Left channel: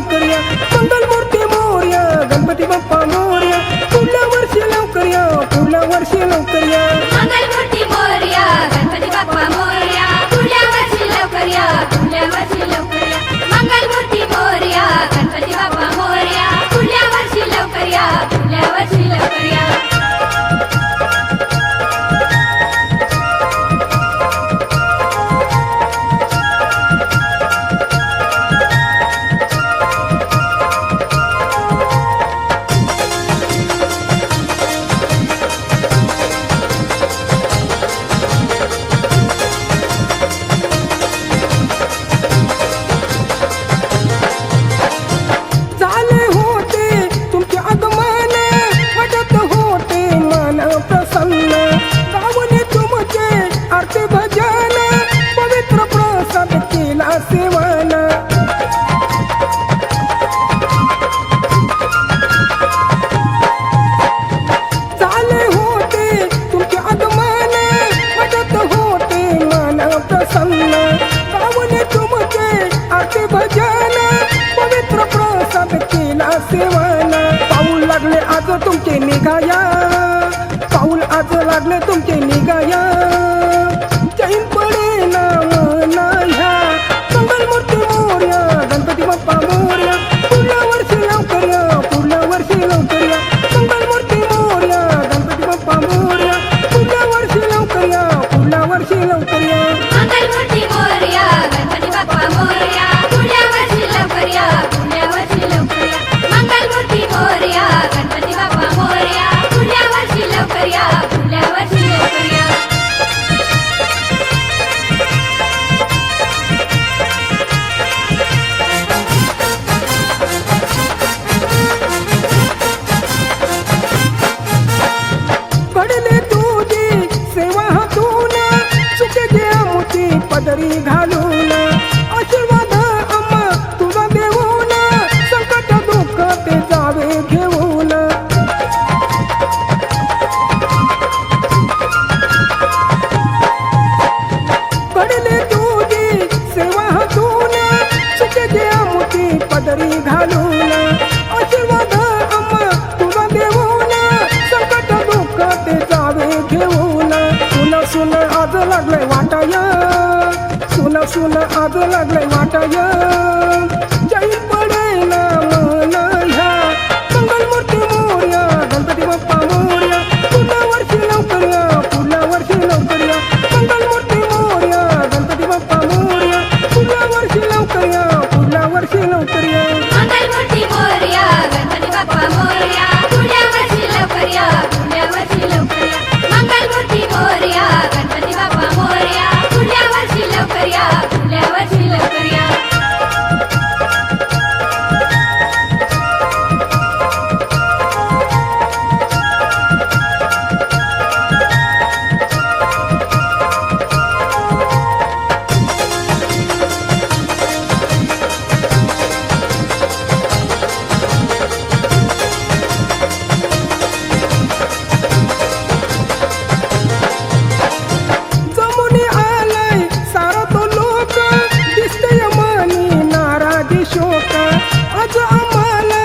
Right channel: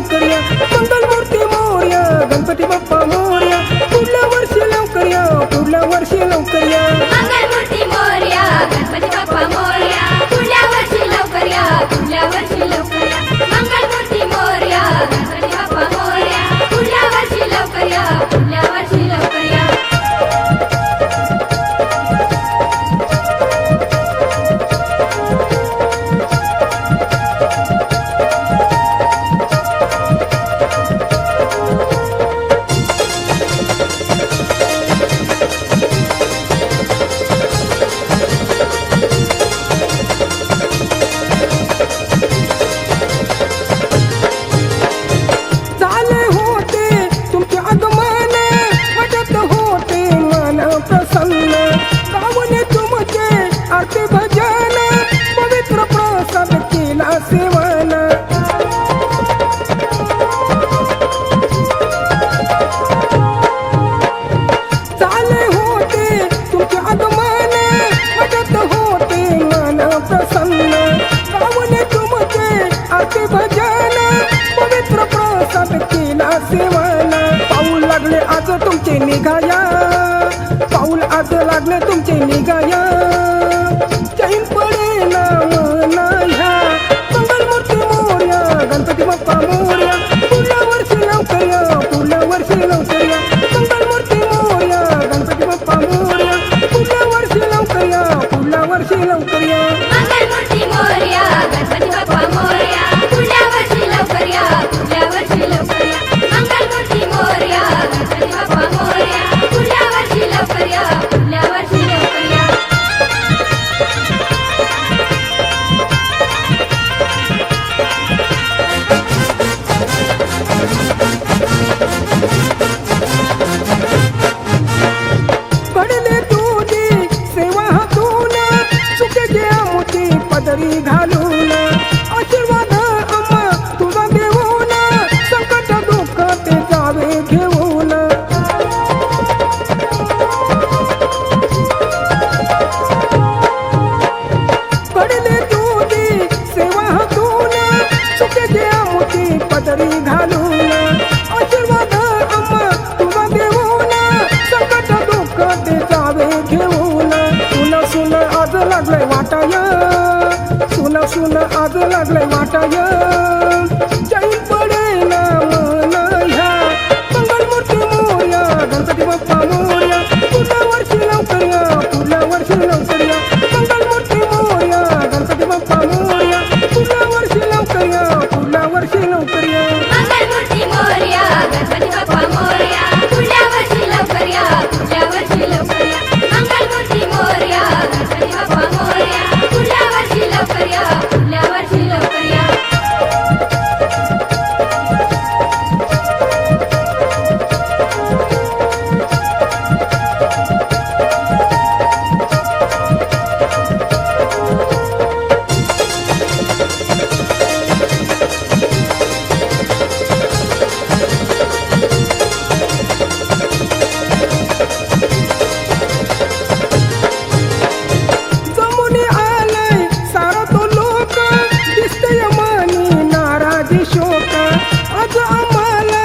लवकर या मंगलमूर्ती मोरया गणपती बाप्पा मोरया पुढल्या वर्षी लवकर या पुढल्या वर्षी लवकर या मंगलमूर्ती मोरया गणपती बाप्पा मोरया पुढल्या वर्षी लवकर या पुढल्या वर्षी लवकर या मंगलमूर्ती मोरया गणपती बाप्पा मोरया पुढल्या वर्षी लवकर या पुढल्या वर्षी लवकर या झाले होते तुमचे आगमन वाटत होते मन प्रसन्न गावने तुमचे आरती भजन पवित्र प्रसाद केला सेवन झाले होते तुमचे आगमन वाटत होते मन प्रसन्न गावने तुमचे आरती भजन पवित्र प्रसाद केला सेवन पाऊल लागले आज तुमचे निघाया पाऊल आज लागले तुमचे निघाया चैन पडे ना मना ह्या मंगलमूर्ती मोरया गणपती बाप्पा मोरया पुढल्या वर्षी लवकर या पुढल्या वर्षी लवकर या मंगलमूर्ती मोरया गणपती बाप्पा मोरया पुढल्या वर्षी लवकर या पुढल्या वर्षी लवकर या मंगलमूर्ती मोरया गणपती बाप्पा मोरया पुढल्या वर्षी लवकर या पुढल्या वर्षी लवकर या मंगलमूर्ती मोरया गणपती बाप्पा मोरया पुढल्या वर्षी लवकर या पुढल्या वर्षी लवकर या कडले तुझी सेवा हातून चुके घ्या मोठी पदरी घालून आशीर्वाद अम्मा तुझा देऊन संकट दुःख ते जावे घेऊन कडले तुझी सेवा हातून चुके घ्या मोठी पदरी घालून आशीर्वाद अम्मा तुझा देऊन संकट दुःख ते जावे घेऊन सुन आज लागलंय वाटाय सुन आज लागलंय वाटाय जैन पडे ना मन ह्या मंगलमूर्ती मोरया गणपती बाप्पा मोरया पुढल्या वर्षी लवकर या पुढल्या वर्षी लवकर या मंगलमूर्ती मोरया गणपती बाप्पा मोरया पुढल्या वर्षी लवकर या पुढल्या वर्षी लवकर या मंगलमूर्ती मोरया गणपती बाप्पा मोरया पुढल्या वर्षी लवकर या पुढल्या वर्षी लवकर या मंगलमूर्ती मोरया गणपती बाप्पा मोरया पुढल्या वर्षी लवकर या पुढल्या वर्षी लवकर या जमुनी आलाय सारा तो लोक दिसतय मनी नाराजी शोक आज आम्हाला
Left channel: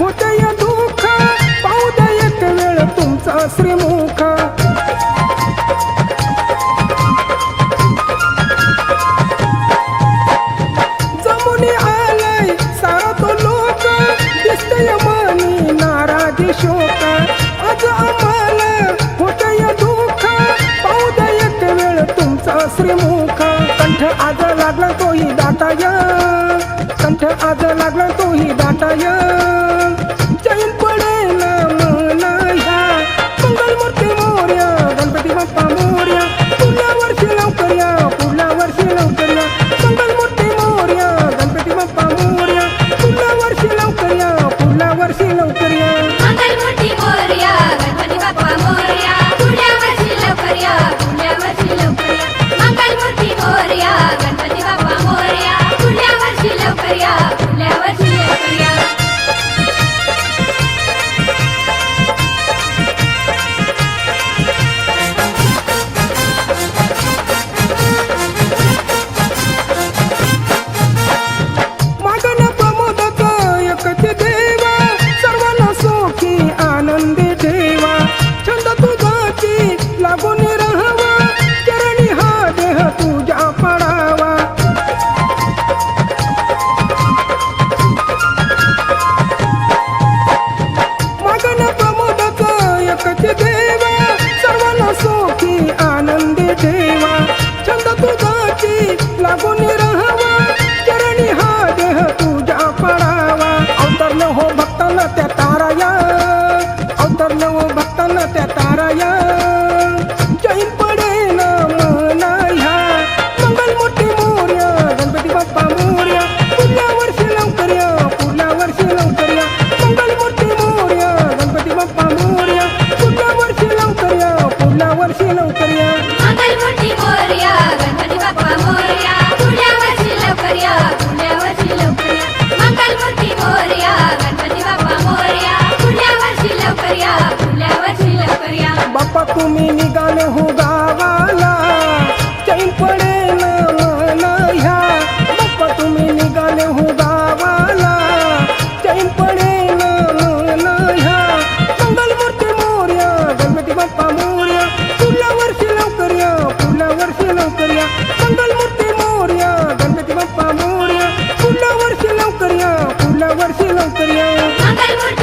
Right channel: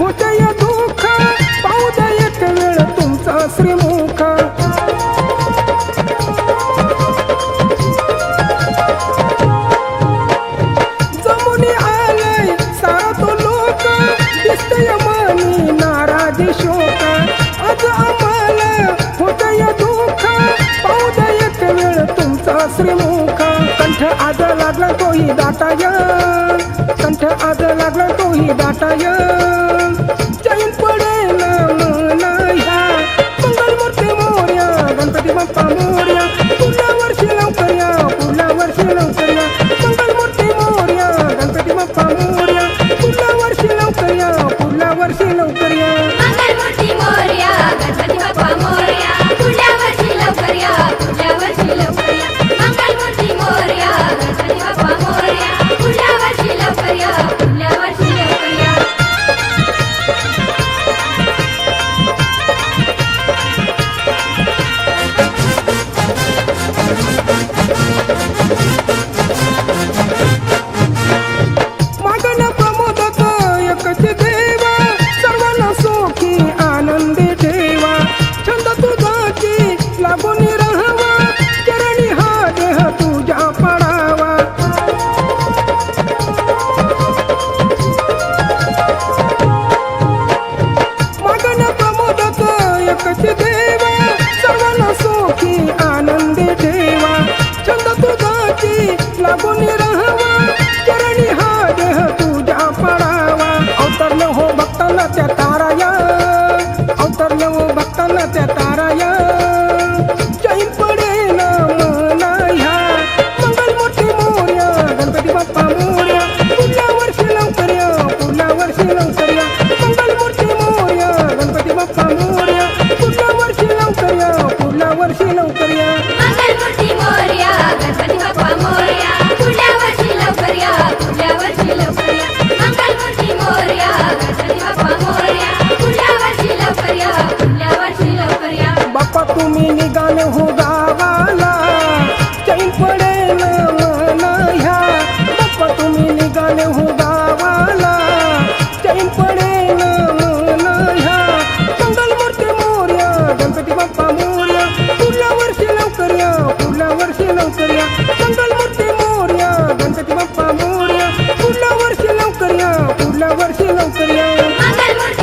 होतय दुःख पाहू द्या एक वेळ तुमचा श्रीमुख जमुनी आलाय सारा तो लोक दिसतय मनी नाराजी शोक आज आम्हाला होतय दुःख पाहू द्या एक वेळ तुमचा श्रीमुख कंठ आज लागला तोही दाटाय कंठ आज लागला तोही दाटाय जैन पडे ना मना ह्या मंगलमूर्ती मोरया गणपती बाप्पा मोरया पुढल्या वर्षी लवकर या पुढल्या वर्षी लवकर या मंगलमूर्ती मोरया गणपती बाप्पा मोरया पुढल्या वर्षी लवकर या पुढल्या वर्षी लवकर या मंगलमूर्ती मोरया गणपती बाप्पा मोरया पुढल्या वर्षी लवकर या पुढल्या वर्षी लवकर या मंगलमूर्ती मोरया गणपती बाप्पा मोरया पुढल्या वर्षी लवकर या पुढल्या वर्षी लवकर या मागण प्रमोदक लागून राहावा चरणी हा देह तुझ्या पडावा अवतरलं हो भक्तांना त्या ताराया अवतरलं हो भक्तांना त्या ताराया चैन पडे ना मना ह्या मंगलमूर्ती मोर्या गणपती बाप्पा मोर्या पुढल्या वर्षी लवकर या पुढल्या वर्षी लवकर या मंगलमूर्ती मोर्या गणपती बाप्पा मोर्या पुढल्या वर्षी लवकर या पुढल्या वर्षी लवकर या मंगलमूर्ती मोरया गणपती बाप्पा मोरया पुढल्या वर्षी लवकर या पुढल्या वर्षी लवकर या मंगलमूर्ती मोरया गणपती बाप्पा मोरया पुढल्या वर्षी लवकर या पुढल्या वर्षी लवकर या बाप्पा तुम्ही निघाले हो गावाला चैन पडे ना मना ह्या बाप्पा तुम्ही निघाले हो गावाला चैन पडे ना मना ह्या मंगलमूर्ती मोर्या गणपती बाप्पा मोर्या पुढल्या वर्षी लवकर या पुढल्या वर्षी लवकर या मंगलमूर्ती मोर्या गणपती बाप्पा मोर्या पुढल्या वर्षी लवकर या पुढल्या वर्षी लवकर या मंगलमूर्ती